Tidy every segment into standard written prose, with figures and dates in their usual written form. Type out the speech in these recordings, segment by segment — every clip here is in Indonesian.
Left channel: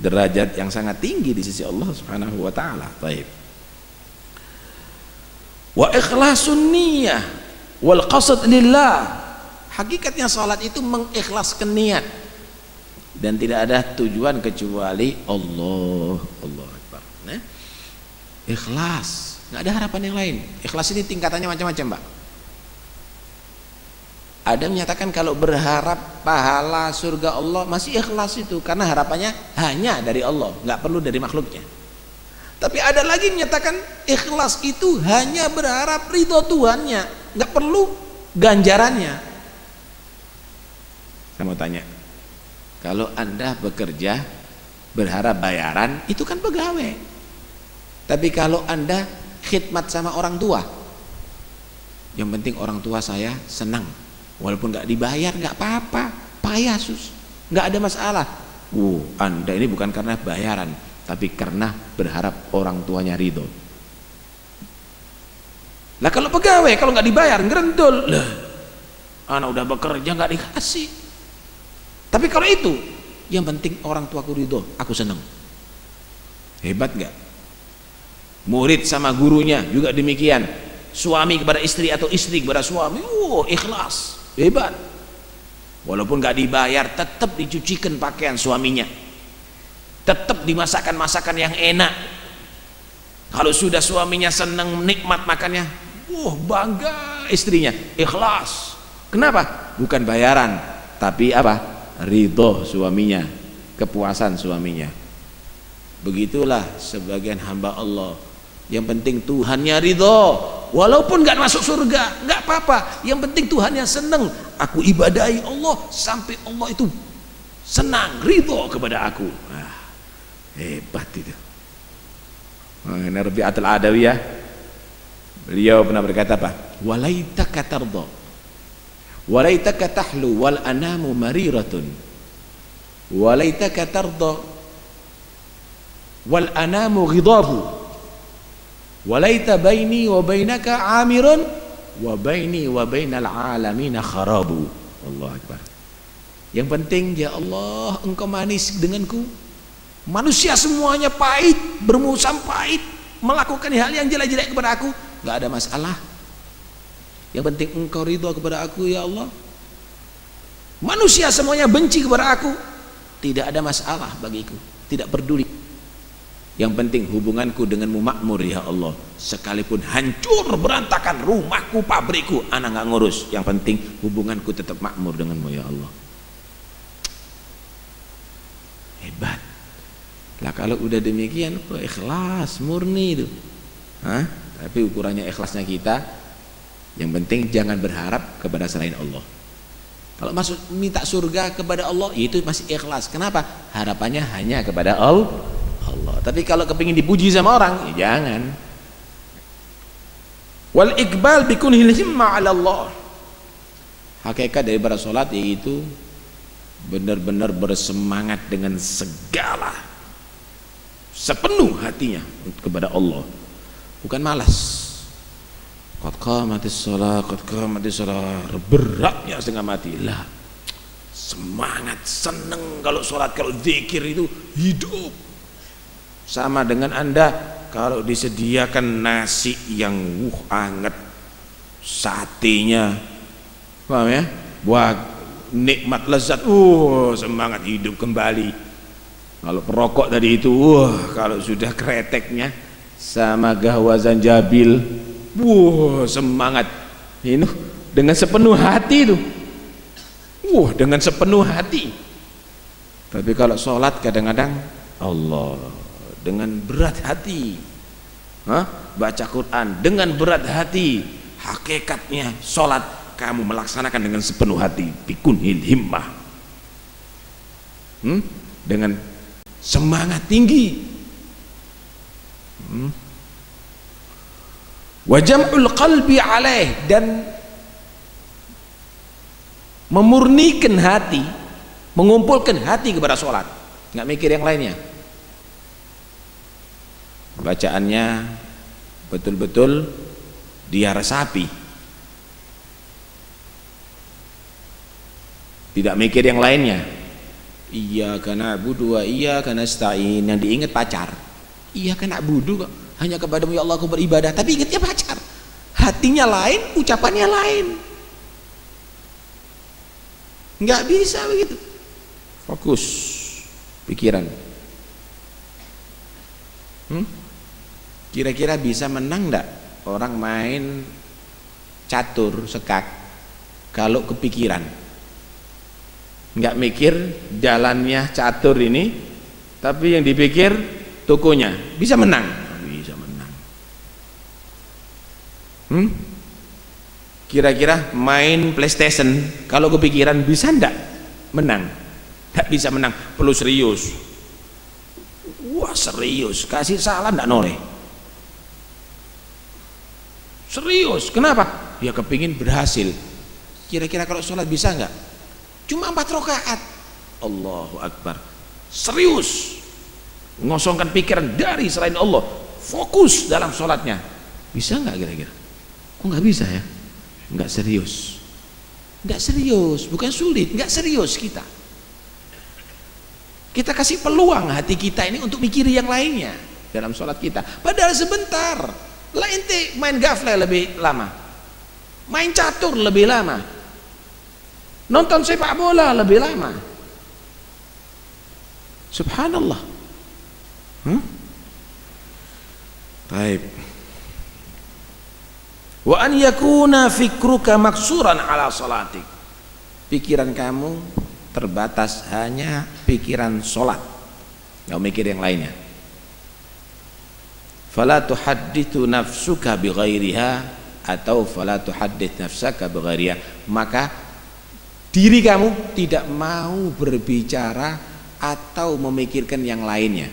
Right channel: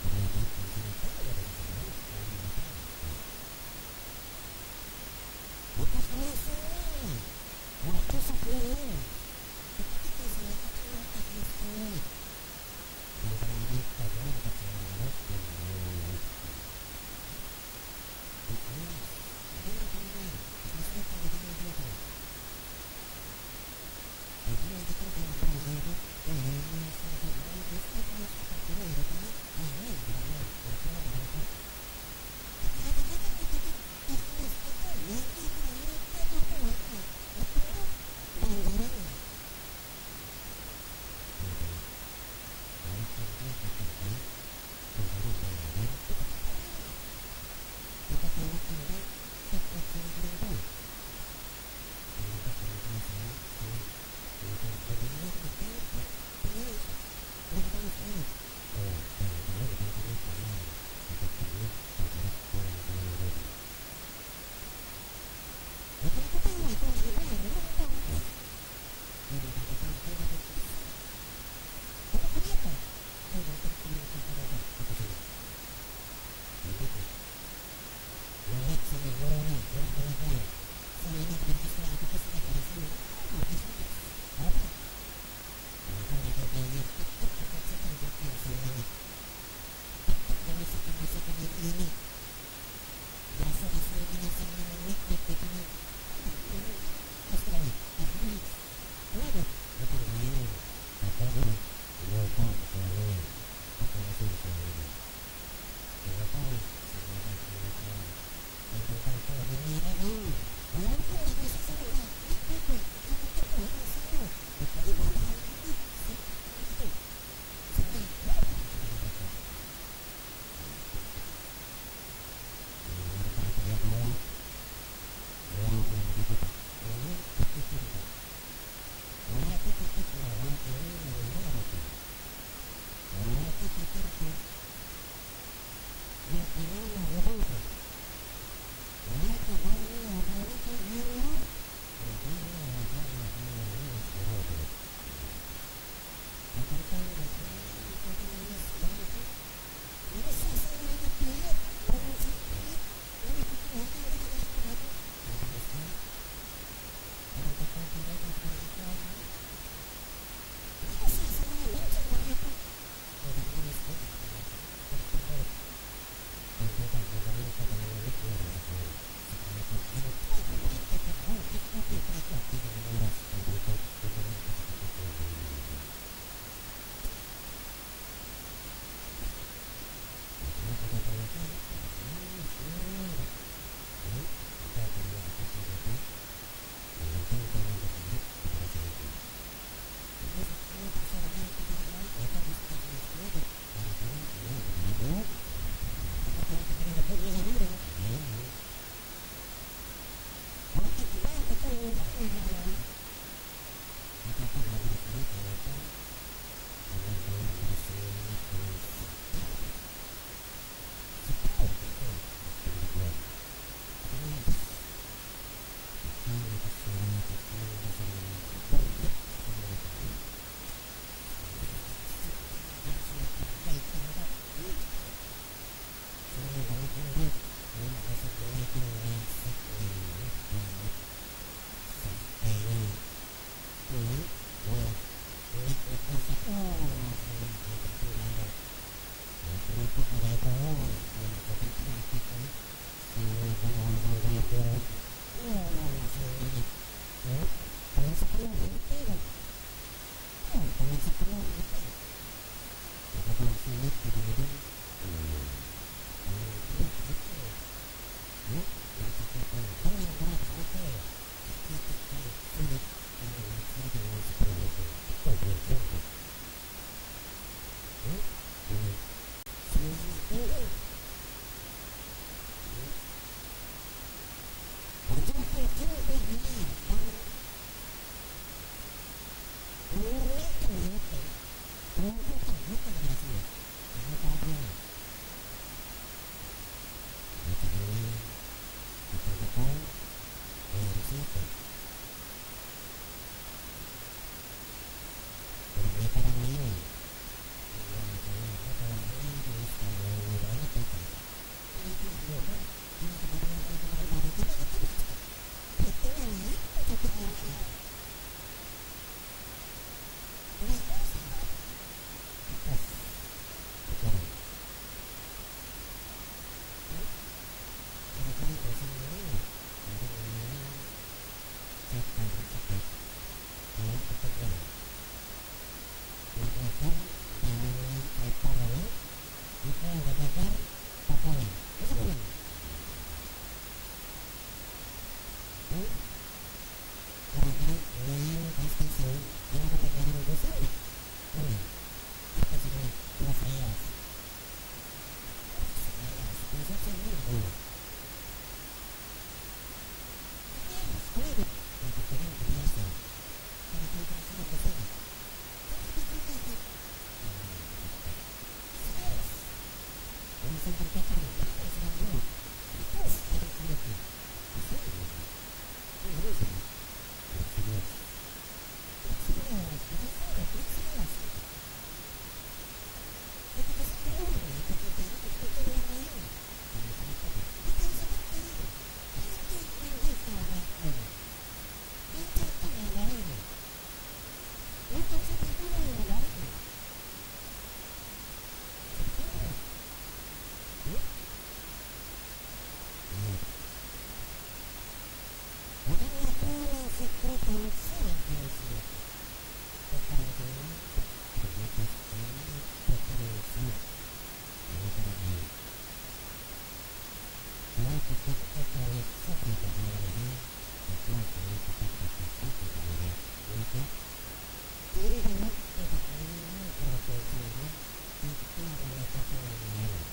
derajat yang sangat tinggi di sisi Allah Subhanahu wa taala. Baik. Wa ikhlasun niyyah wal qasd lillah. Hakikatnya salat itu mengikhlaskan niat dan tidak ada tujuan kecuali Allah. Allah Akbar. Nah, ikhlas, nggak ada harapan yang lain. Ikhlas ini tingkatannya macam-macam, Mbak. Ada menyatakan kalau berharap pahala surga Allah masih ikhlas itu karena harapannya hanya dari Allah, nggak perlu dari makhluknya. Tapi ada lagi menyatakan ikhlas itu hanya berharap ridho Tuhannya, nggak perlu ganjarannya. Saya mau tanya, kalau Anda bekerja berharap bayaran itu kan pegawai. Tapi kalau Anda khidmat sama orang tua, yang penting orang tua saya senang, walaupun nggak dibayar nggak apa-apa, Pak Yesus nggak ada masalah. Anda ini bukan karena bayaran, tapi karena berharap orang tuanya ridho. Lah kalau pegawai kalau nggak dibayar ngerendul, lah anak udah bekerja nggak dikasih. Tapi kalau itu yang penting orang tuaku ridho, aku senang. Hebat nggak? Murid sama gurunya juga demikian. Suami kepada istri atau istri kepada suami, ikhlas, hebat. Walaupun nggak dibayar, tetap dicucikan pakaian suaminya, tetap dimasakkan masakan yang enak. Kalau sudah suaminya senang nikmat makannya, bangga istrinya, ikhlas. Kenapa? Bukan bayaran, tapi apa? Ridho suaminya, kepuasan suaminya. Begitulah sebagian hamba Allah. Yang penting Tuhannya ridho, walaupun gak masuk surga, gak apa-apa. Yang penting Tuhannya senang. Aku ibadahi Allah sampai Allah itu senang, ridho kepada aku. Hebat itu. Ini Rabi'atul Adawiyah, beliau pernah berkata apa? Walaitaka tarda, walaitaka tahlu wal anamu mariratun, walaitaka tarda wal anamu ghidabu, walaita baini wa bainaka amirun wa baini wa bainal alamina kharabu. Allah Akbar. Yang penting ya Allah engkau manis denganku. Manusia semuanya pahit, bermusam pahit, melakukan hal yang jelek-jelek kepada aku, gak ada masalah. Yang penting engkau ridho kepada aku ya Allah. Manusia semuanya benci kepada aku, tidak ada masalah bagiku, tidak peduli. Yang penting hubunganku denganmu makmur ya Allah. Sekalipun hancur berantakan rumahku, pabrikku, anak gak ngurus. Yang penting hubunganku tetap makmur denganmu ya Allah. Hebat. Lah kalau udah demikian, ikhlas murni itu. Tapi ukurannya ikhlasnya kita, yang penting jangan berharap kepada selain Allah. Kalau masuk minta surga kepada Allah, itu masih ikhlas. Kenapa? Harapannya hanya kepada Allah. Tapi kalau kepingin dipuji sama orang, ya jangan. Wal iqbal bikunhil himma 'ala Allah. Hakikat daripada salat yaitu benar-benar bersemangat dengan segala sepenuh hatinya kepada Allah, bukan malas. Qad qamatis shalah, qad qamatis shalah, beratnya setengah mati. Lah, semangat, seneng kalau sholat, kalau zikir itu hidup. Sama dengan Anda kalau disediakan nasi yang hangat, satenya, paham ya? Buat nikmat lezat, semangat hidup kembali. Kalau perokok tadi itu, kalau sudah kreteknya sama gahwazan jabil, semangat. Ini dengan sepenuh hati itu, dengan sepenuh hati. Tapi kalau sholat kadang-kadang Allah dengan berat hati, baca Quran dengan berat hati. Hakikatnya sholat kamu melaksanakan dengan sepenuh hati, bikunhil himmah, dengan semangat tinggi. Wajam'ul qalbi alaih, dan memurnikan hati, mengumpulkan hati kepada sholat, nggak mikir yang lainnya. Bacaannya betul-betul dia resapi, tidak mikir yang lainnya. Iyyaka na'budu wa iyyaka nasta'in. Yang diingat pacar. Iyyaka na'budu kok, hanya kepadamu ya Allah aku beribadah, tapi ingatnya pacar. Hatinya lain, ucapannya lain. Nggak bisa begitu. Fokus pikiran. Kira-kira bisa menang enggak orang main catur sekak kalau kepikiran? Nggak mikir jalannya catur ini, tapi yang dipikir tokonya. Bisa menang? Bisa menang. Kira-kira main PlayStation kalau kepikiran bisa enggak menang? Nggak bisa menang, perlu serius. Wah serius, kasih salam enggak noleh. Serius, kenapa? Dia kepingin berhasil. Kira-kira kalau sholat bisa enggak? Cuma 4 rakaat. Allahu Akbar. Serius, ngosongkan pikiran dari selain Allah, fokus dalam sholatnya. Bisa enggak kira-kira? Kok enggak bisa ya? Enggak serius. Enggak serius, bukan sulit, enggak serius kita. Kita kasih peluang hati kita ini untuk mikir yang lainnya dalam sholat kita. Padahal sebentar. Lah ente main gafle lebih lama, main catur lebih lama, nonton sepak bola lebih lama. Subhanallah. Baik. Wa an yakuna fikruka maksuran ala salatik. Pikiran kamu terbatas hanya pikiran sholat, nggak mikir yang lainnya. Fala tuhaddithu nafsuka bighairiha, atau fala tuhaddits nafsaka bighairiha, maka diri kamu tidak mau berbicara atau memikirkan yang lainnya.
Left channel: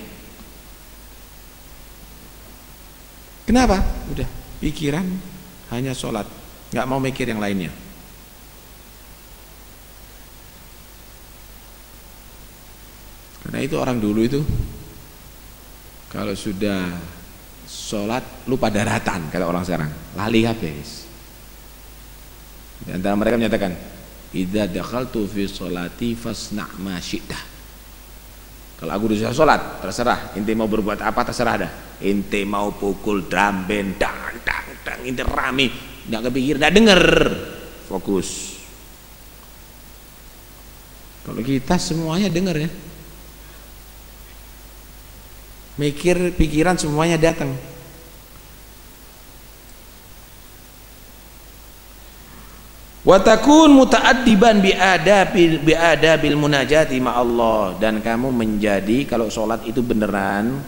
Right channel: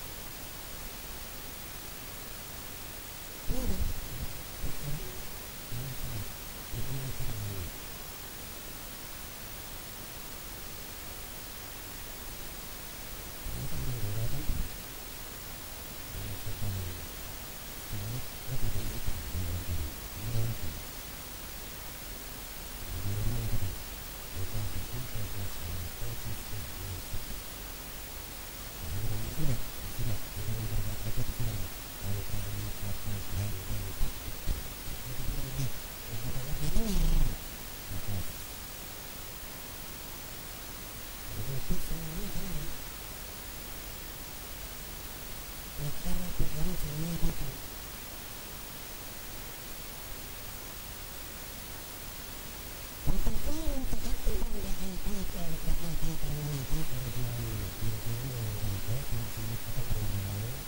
Kenapa? Udah pikiran hanya sholat, nggak mau mikir yang lainnya. Karena itu orang dulu itu kalau sudah sholat lupa daratan, kata orang sekarang, lali habis. Di antara mereka menyatakan, idza dakhaltu fi sholati fasna' ma syi'ta. Kalau aku sudah sholat, terserah. Ente mau berbuat apa terserah dah. Ente mau pukul drum band, dang dang dang, ente rame, nggak kepikir, nggak denger, fokus. Kalau kita semuanya denger ya, mikir pikiran semuanya datang. Wa takun muta'addiban biadabil munajati ma Allah, dan kamu menjadi, kalau sholat itu beneran,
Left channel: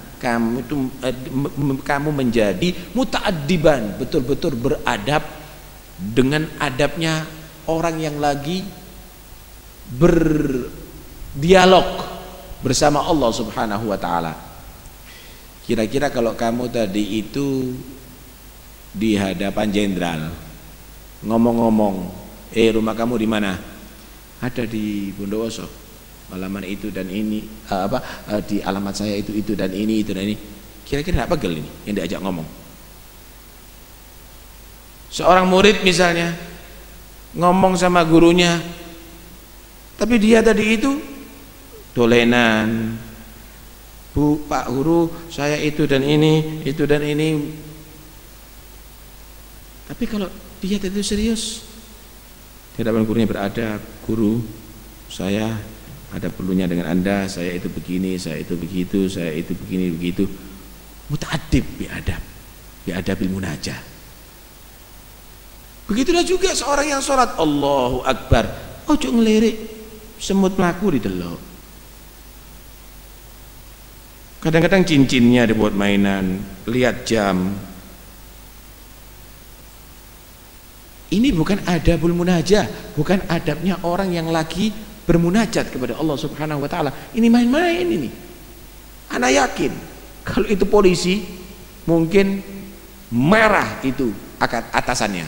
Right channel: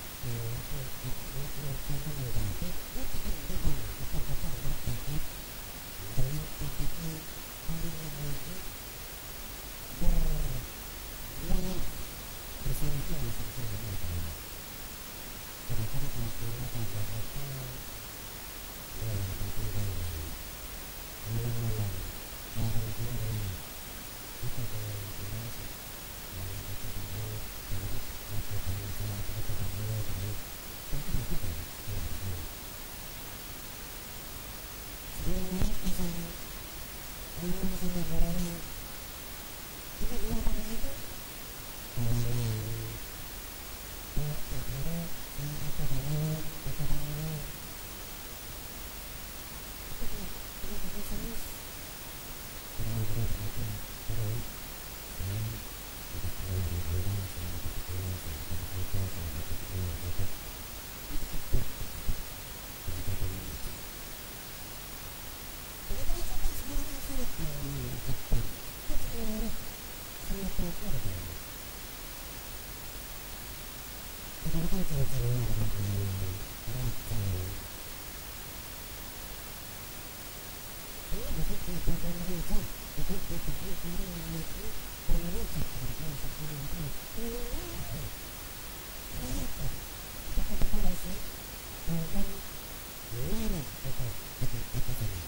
kamu menjadi muta'addiban, betul-betul beradab dengan adabnya orang yang lagi berdialog bersama Allah Subhanahu wa taala. Kira-kira kalau kamu tadi itu di hadapan jenderal ngomong-ngomong, rumah kamu di mana? Ada di Bondowoso, alamat itu dan ini, di alamat saya itu dan ini, itu dan ini. Kira-kira apa pegel ini yang diajak ngomong? Seorang murid misalnya ngomong sama gurunya, tapi dia tadi itu dolenan. Bu, Pak Guru, saya itu dan ini, itu dan ini. Tapi kalau dia tadi itu serius, di hadapan gurunya beradab, guru, saya ada perlunya dengan Anda, saya itu begini, saya itu begitu, saya itu begini begitu. Muta'addib biadabil munajah. Begitulah juga seorang yang sholat, Allahu Akbar, ojo ngelirik semut melaku di delok. Kadang-kadang cincinnya dibuat mainan, lihat jam. Ini bukan adabul munajah, bukan adabnya orang yang lagi bermunajat kepada Allah Subhanahu wa taala. Ini main-main ini. Ana yakin kalau itu polisi mungkin marah itu atasannya.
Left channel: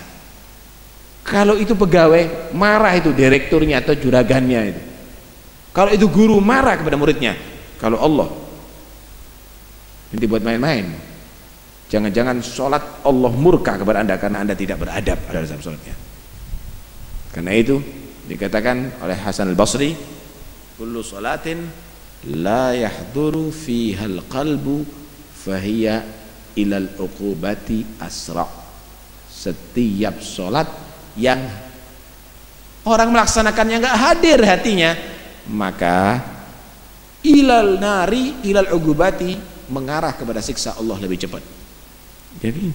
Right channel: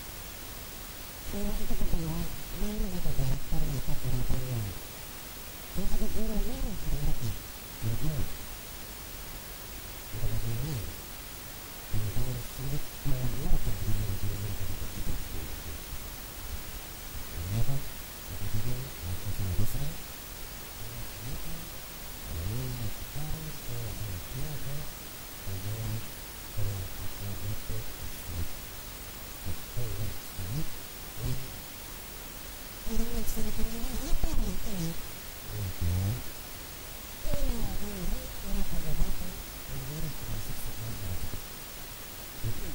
Kalau itu pegawai marah itu direkturnya atau juragannya itu. Kalau itu guru marah kepada muridnya. Kalau Allah ini buat main-main. Jangan-jangan sholat Allah murka kepada Anda karena Anda tidak beradab pada dalam sholatnya. Karena itu dikatakan oleh Hasan al-Basri, kullu salatin la yahduru fiha al-qalbu fahiya ilal uqubati asra. Setiap sholat yang orang melaksanakannya nggak hadir hatinya, maka ilal nari ilal uqubati, mengarah kepada siksa Allah lebih cepat. Jadi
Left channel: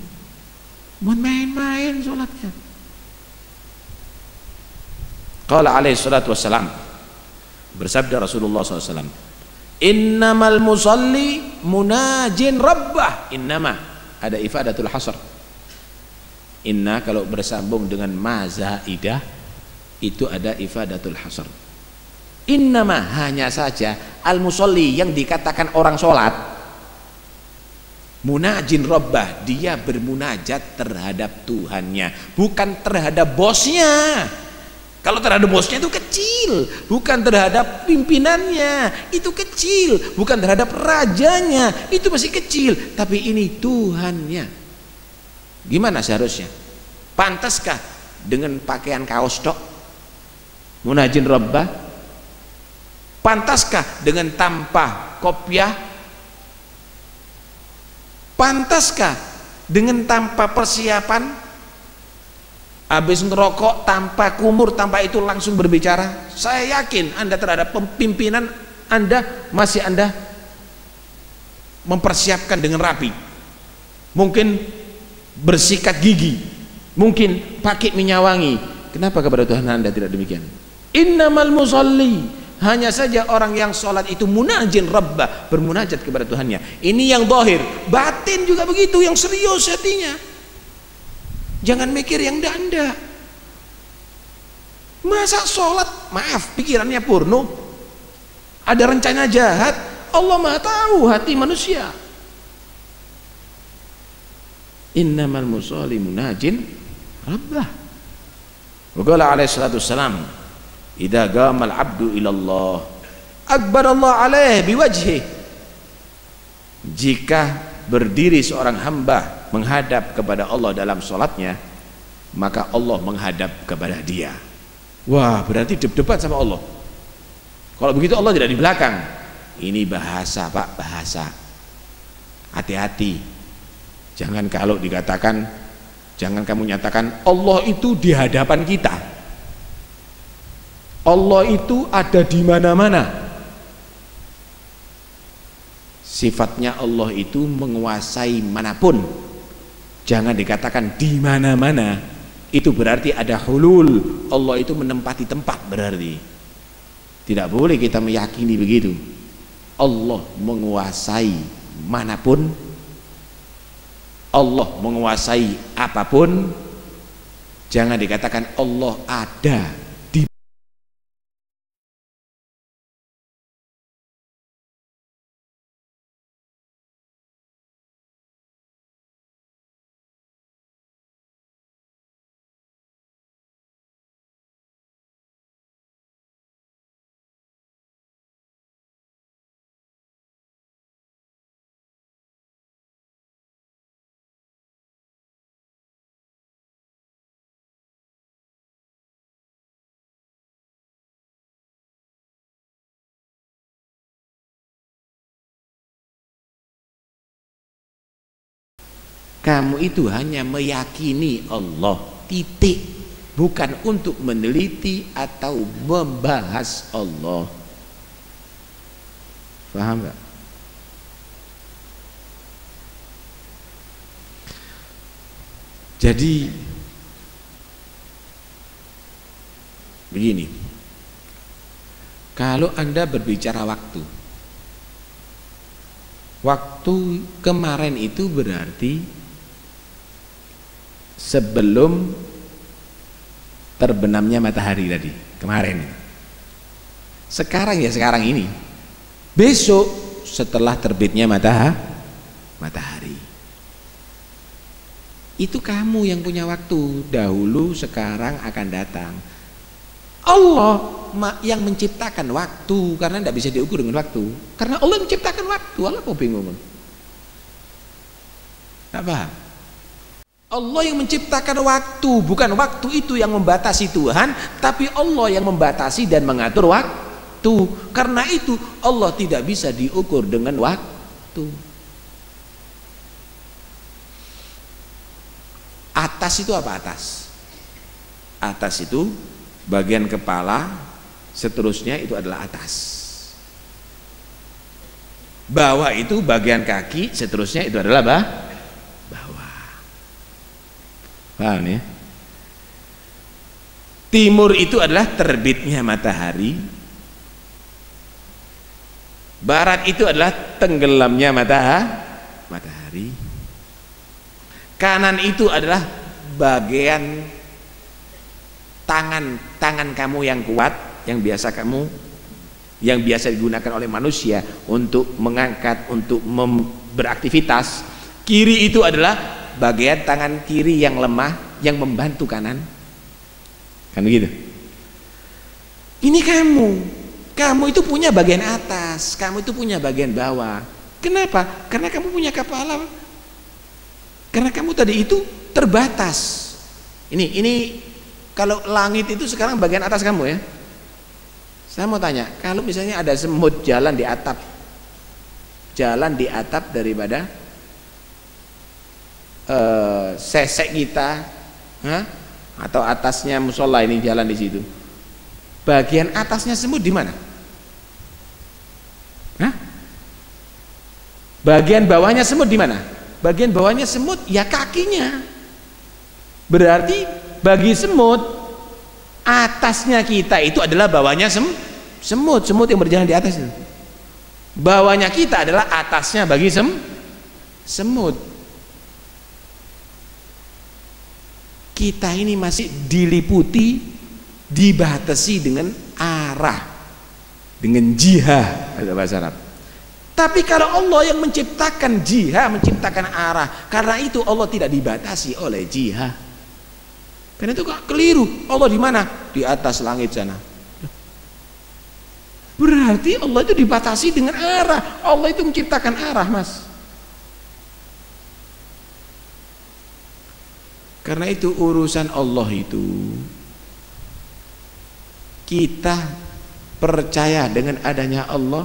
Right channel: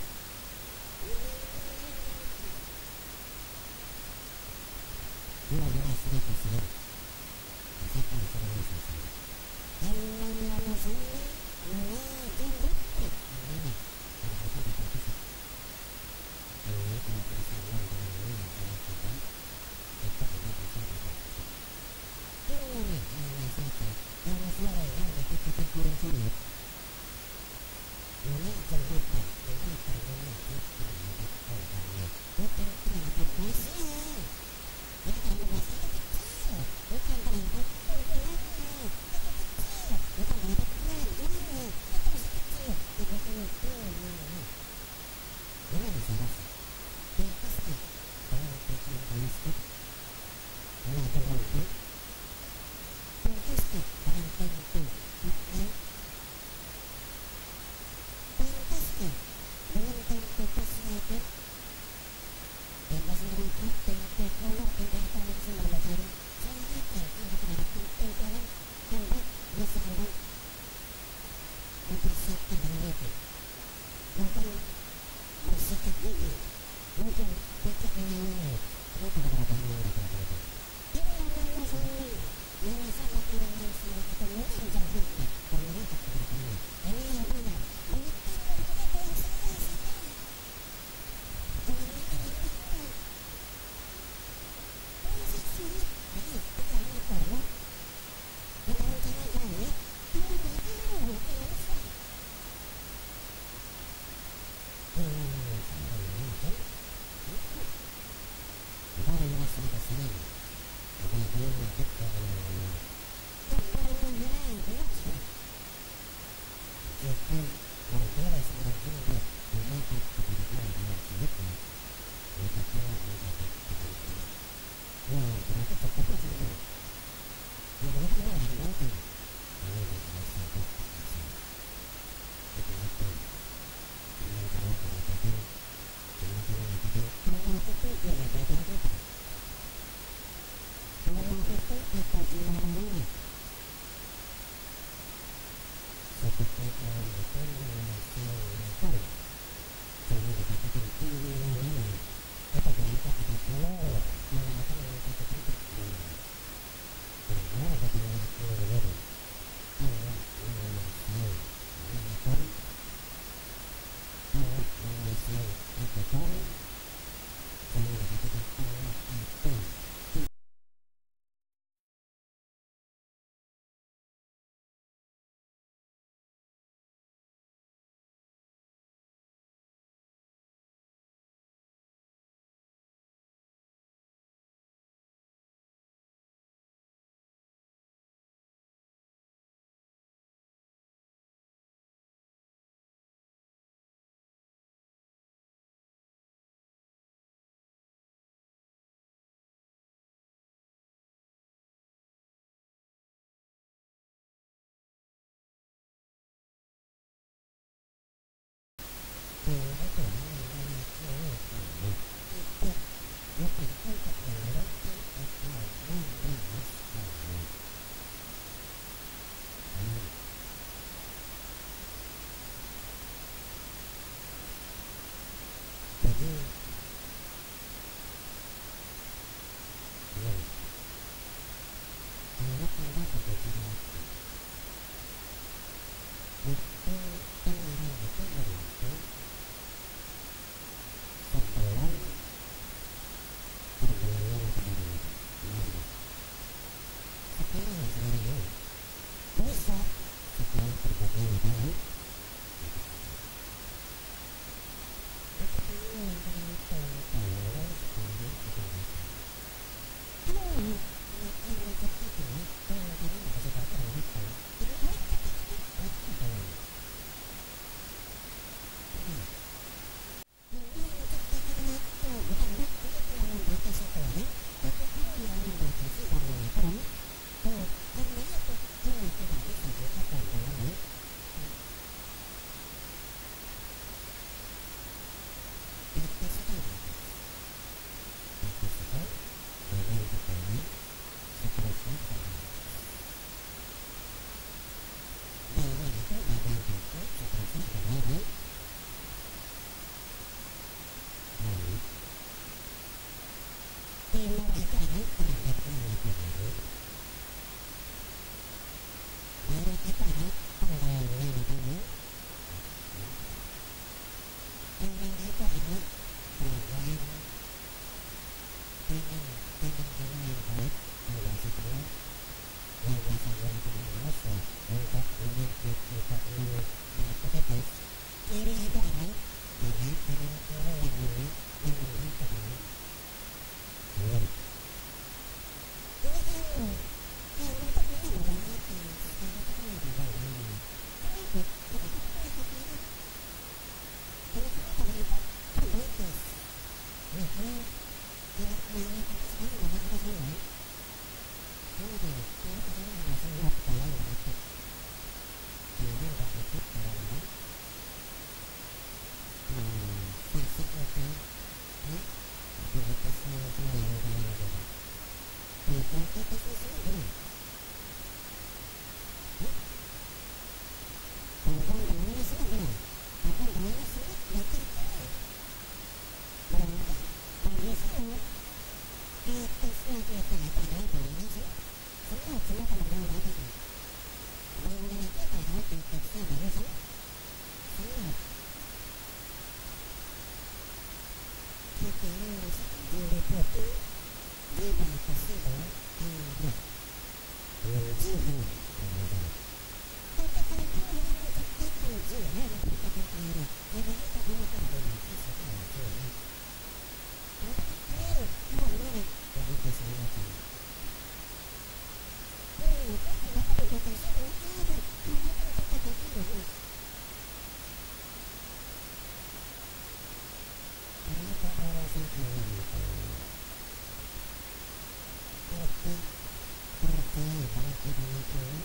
mohon main-main sholatnya. Qala alaihi salatu wassalam, bersabda Rasulullah SAW, innamal musalli munajin rabbah. Innama ada ifadatul hasr. Inna kalau bersambung dengan ma zaidah itu ada ifadatul hasr. Innama hanya saja al musalli yang dikatakan orang sholat, munajin rabbah, dia bermunajat terhadap Tuhannya, bukan terhadap bosnya. Kalau terhadap bosnya itu kecil, bukan terhadap pimpinannya itu kecil, bukan terhadap rajanya itu masih kecil, tapi ini Tuhannya. Gimana seharusnya? Pantaskah dengan pakaian kaos tok munajin rabbah? Pantaskah dengan tanpa kopiah? Pantaskah dengan tanpa persiapan? Habis ngerokok tanpa kumur, tanpa itu langsung berbicara? Saya yakin Anda terhadap pimpinan Anda masih Anda mempersiapkan dengan rapi. Mungkin bersikat gigi, mungkin pakai minyak wangi. Kenapa kepada Tuhan Anda tidak demikian? Innamal musalli, hanya saja orang yang sholat itu munajin rabbah, bermunajat kepada Tuhannya. Ini yang zahir, batin juga begitu, yang serius hatinya. Jangan mikir yang danda. Masa sholat, maaf, pikirannya purno, ada rencana jahat? Allah Maha tahu hati manusia. Innamal musalli munajin rabbah. Wa qala alaihi salatu wassalam, idza qama al-'abdu ila Allah akbar Allah alaihi biwajhi. Jika berdiri seorang hamba menghadap kepada Allah dalam sholatnya, maka Allah menghadap kepada dia. Wah, berarti debat sama Allah. Kalau begitu Allah tidak di belakang. Ini bahasa Pak, bahasa. Hati-hati. Jangan kalau dikatakan, jangan kamu nyatakan Allah itu di hadapan kita. Allah itu ada di mana-mana. Sifatnya Allah itu menguasai manapun. Jangan dikatakan di mana-mana. Itu berarti ada hulul. Allah itu menempati tempat berarti. Tidak boleh kita meyakini begitu. Allah menguasai manapun. Allah menguasai apapun. Jangan dikatakan Allah ada di. Kamu itu hanya meyakini Allah, titik, bukan untuk meneliti atau membahas Allah. Paham gak? Jadi begini, kalau Anda berbicara waktu kemarin itu berarti sebelum terbenamnya matahari tadi kemarin. Sekarang ya sekarang ini. Besok setelah terbitnya matahari. Itu kamu yang punya waktu, dahulu, sekarang, akan datang. Allah yang menciptakan waktu, karena tidak bisa diukur dengan waktu. Karena Allah menciptakan waktu. Allah kok bingung? Tak paham? Allah yang menciptakan waktu, bukan waktu itu yang membatasi Tuhan, tapi Allah yang membatasi dan mengatur waktu. waktu. Karena itu Allah tidak bisa diukur dengan waktu. Atas itu apa atas? Atas itu bagian kepala, seterusnya itu adalah atas. Bawah itu bagian kaki, seterusnya itu adalah bawah. Paham ya? Timur itu adalah terbitnya matahari. Barat itu adalah tenggelamnya matahari. Kanan itu adalah bagian tangan kamu yang kuat, yang biasa digunakan oleh manusia untuk mengangkat, untuk beraktivitas. Kiri itu adalah bagian tangan kiri yang lemah, yang membantu kanan. Kan begitu. Ini kamu itu punya bagian atas, kamu itu punya bagian bawah. Kenapa? Karena kamu punya kepala. Karena kamu tadi itu terbatas. Ini kalau langit itu sekarang bagian atas kamu ya. Saya mau tanya, kalau misalnya ada semut jalan di atap daripada sesek kita, atau atasnya musola ini jalan di situ, bagian atasnya semut di mana? Bagian bawahnya semut di mana? Bagian bawahnya semut ya kakinya. Berarti bagi semut, atasnya kita itu adalah bawahnya semut yang berjalan di atas itu. Bawahnya kita adalah atasnya bagi semut. Kita ini masih diliputi, dibatasi dengan arah, dengan jihah ada bahasa Arab. Tapi kalau Allah yang menciptakan jihah, menciptakan arah, karena itu Allah tidak dibatasi oleh jihah. Karena itu keliru. Allah di mana? Di atas langit sana. Berarti Allah itu dibatasi dengan arah. Allah itu menciptakan arah, Mas. Karena itu urusan Allah itu, kita percaya dengan adanya Allah,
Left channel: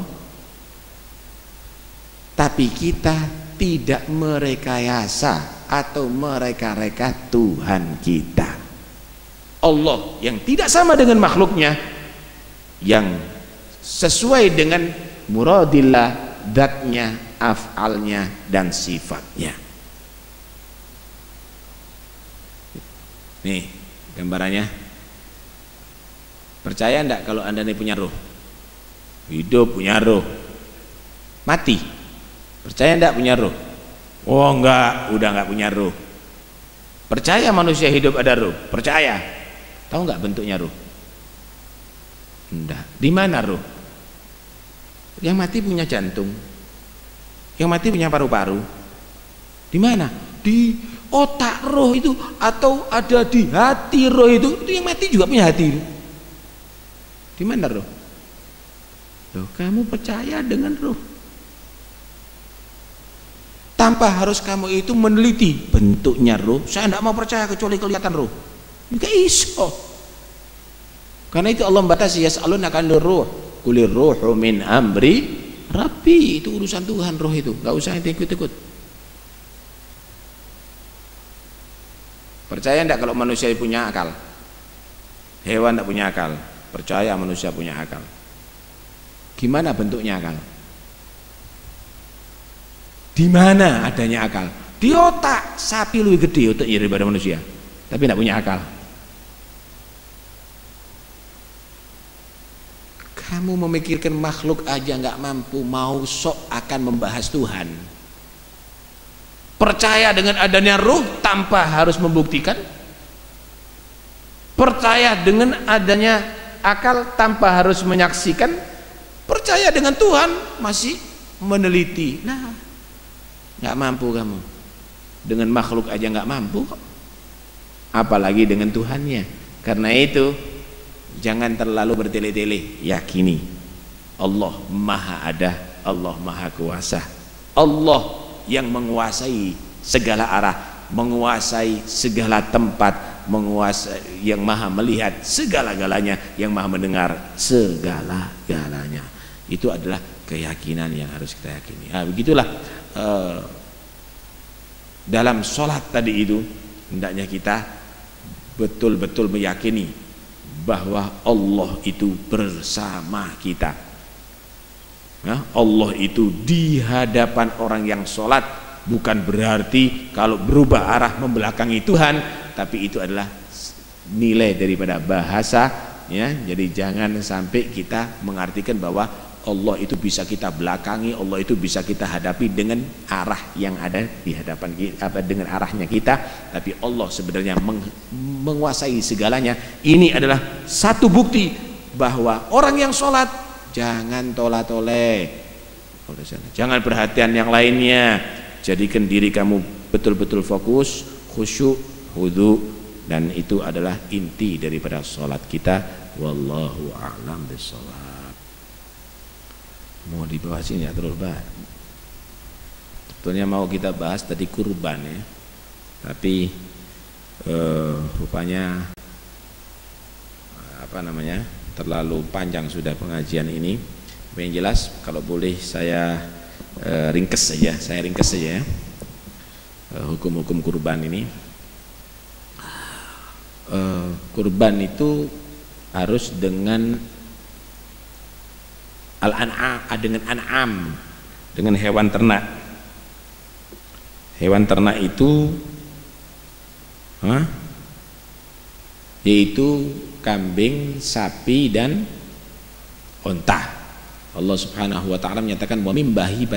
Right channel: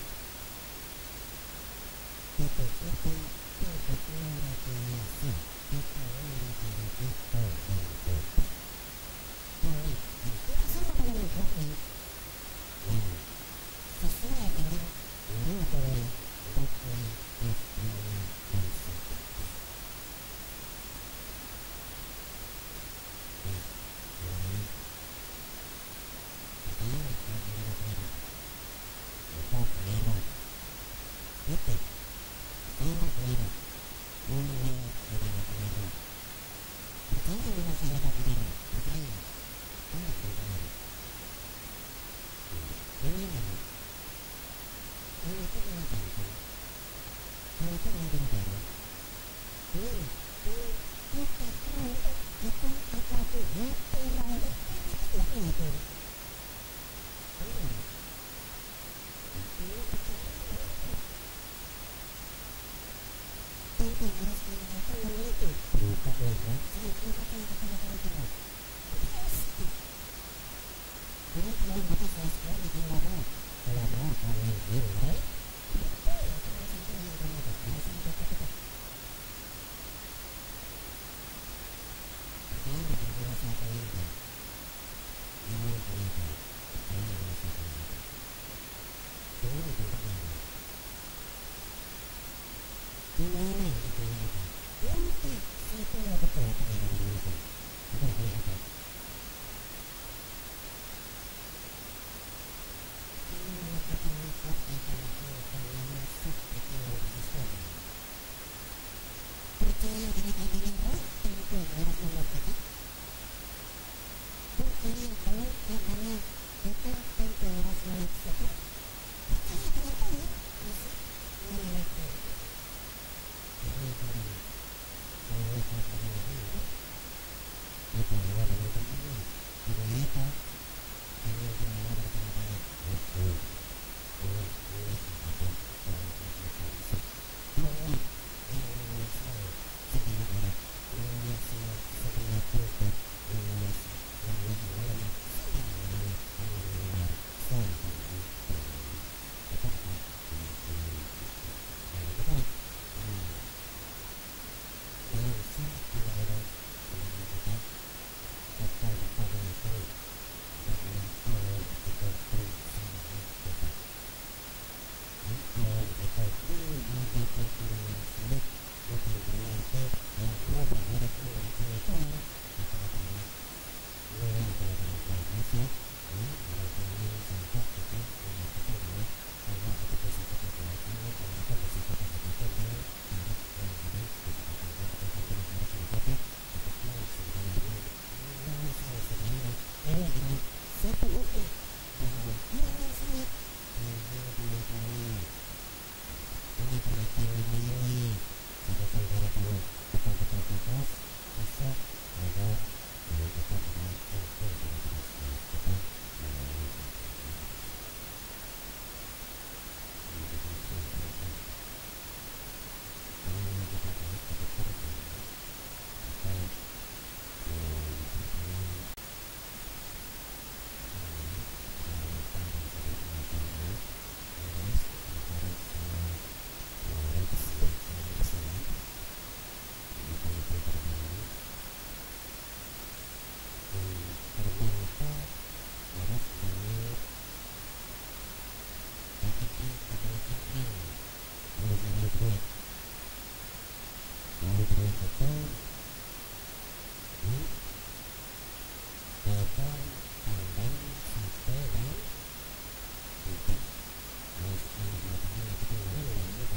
tapi kita tidak merekayasa atau mereka-reka Tuhan kita. Allah yang tidak sama dengan makhluknya, yang sesuai dengan muradillah, zatnya, af'alnya, dan sifatnya. Nih gambarannya. Percaya enggak kalau Anda ini punya roh? Hidup punya roh, mati percaya enggak punya roh? Oh enggak, udah enggak punya roh. Percaya manusia hidup ada roh? Percaya. Tahu enggak bentuknya roh? Enggak. Di mana roh? Yang mati punya jantung, yang mati punya paru-paru. Di mana? Di otak roh itu, atau ada di hati roh itu. Yang mati juga punya hati. Di mana roh? Tuh, kamu percaya dengan roh tanpa harus kamu itu meneliti bentuknya roh. Saya tidak mau percaya kecuali kelihatan roh. Enggak iso. Karena itu Allah membatasi, yas'alunaka 'anil ruh, qulir ruhu min amri rabbi. Itu urusan Tuhan roh itu, enggak usah ikut-ikut. Percaya enggak kalau manusia punya akal? Hewan enggak punya akal. Percaya manusia punya akal. Gimana bentuknya akal? Di mana adanya akal? Di otak. Sapi lebih gede otaknya daripada manusia, tapi tidak punya akal. Kamu memikirkan makhluk aja nggak mampu, mau sok akan membahas Tuhan. Percaya dengan adanya ruh tanpa harus membuktikan. Percaya dengan adanya akal tanpa harus menyaksikan. Percaya dengan Tuhan masih meneliti. Nah, nggak mampu kamu. Dengan makhluk aja nggak mampu kok, apalagi dengan Tuhannya. Karena itu jangan terlalu bertele-tele. Yakini Allah maha ada, Allah maha kuasa, Allah yang menguasai segala arah, menguasai segala tempat, menguasai, yang maha melihat segala-galanya, yang maha mendengar segala-galanya. Itu adalah keyakinan yang harus kita yakini. Nah, begitulah dalam sholat tadi itu hendaknya kita betul-betul meyakini bahwa Allah itu bersama kita. Nah, Allah itu di hadapan orang yang sholat, bukan berarti kalau berubah arah membelakangi Tuhan, tapi itu adalah nilai daripada bahasa, ya. Jadi jangan sampai kita mengartikan bahwa Allah itu bisa kita belakangi, Allah itu bisa kita hadapi dengan arah yang ada di hadapan kita, dengan arahnya kita, tapi Allah sebenarnya menguasai segalanya. Ini adalah satu bukti bahwa orang yang sholat jangan tola-tole, jangan perhatian yang lainnya. Jadikan diri kamu betul-betul fokus, khusyuk, khudu, dan itu adalah inti daripada sholat kita. Wallahu a'lam bishawab. Mau dibahas ini ya, terus bahas. Sebetulnya mau kita bahas tadi kurban ya, tapi rupanya terlalu panjang sudah pengajian ini. Yang jelas kalau boleh saya ringkes saja ya, hukum-hukum kurban ini. Kurban itu harus dengan dengan an'am, dengan hewan ternak. Hewan ternak itu yaitu kambing, sapi, dan unta. Allah Subhanahu wa ta'ala menyatakan wa mim bahi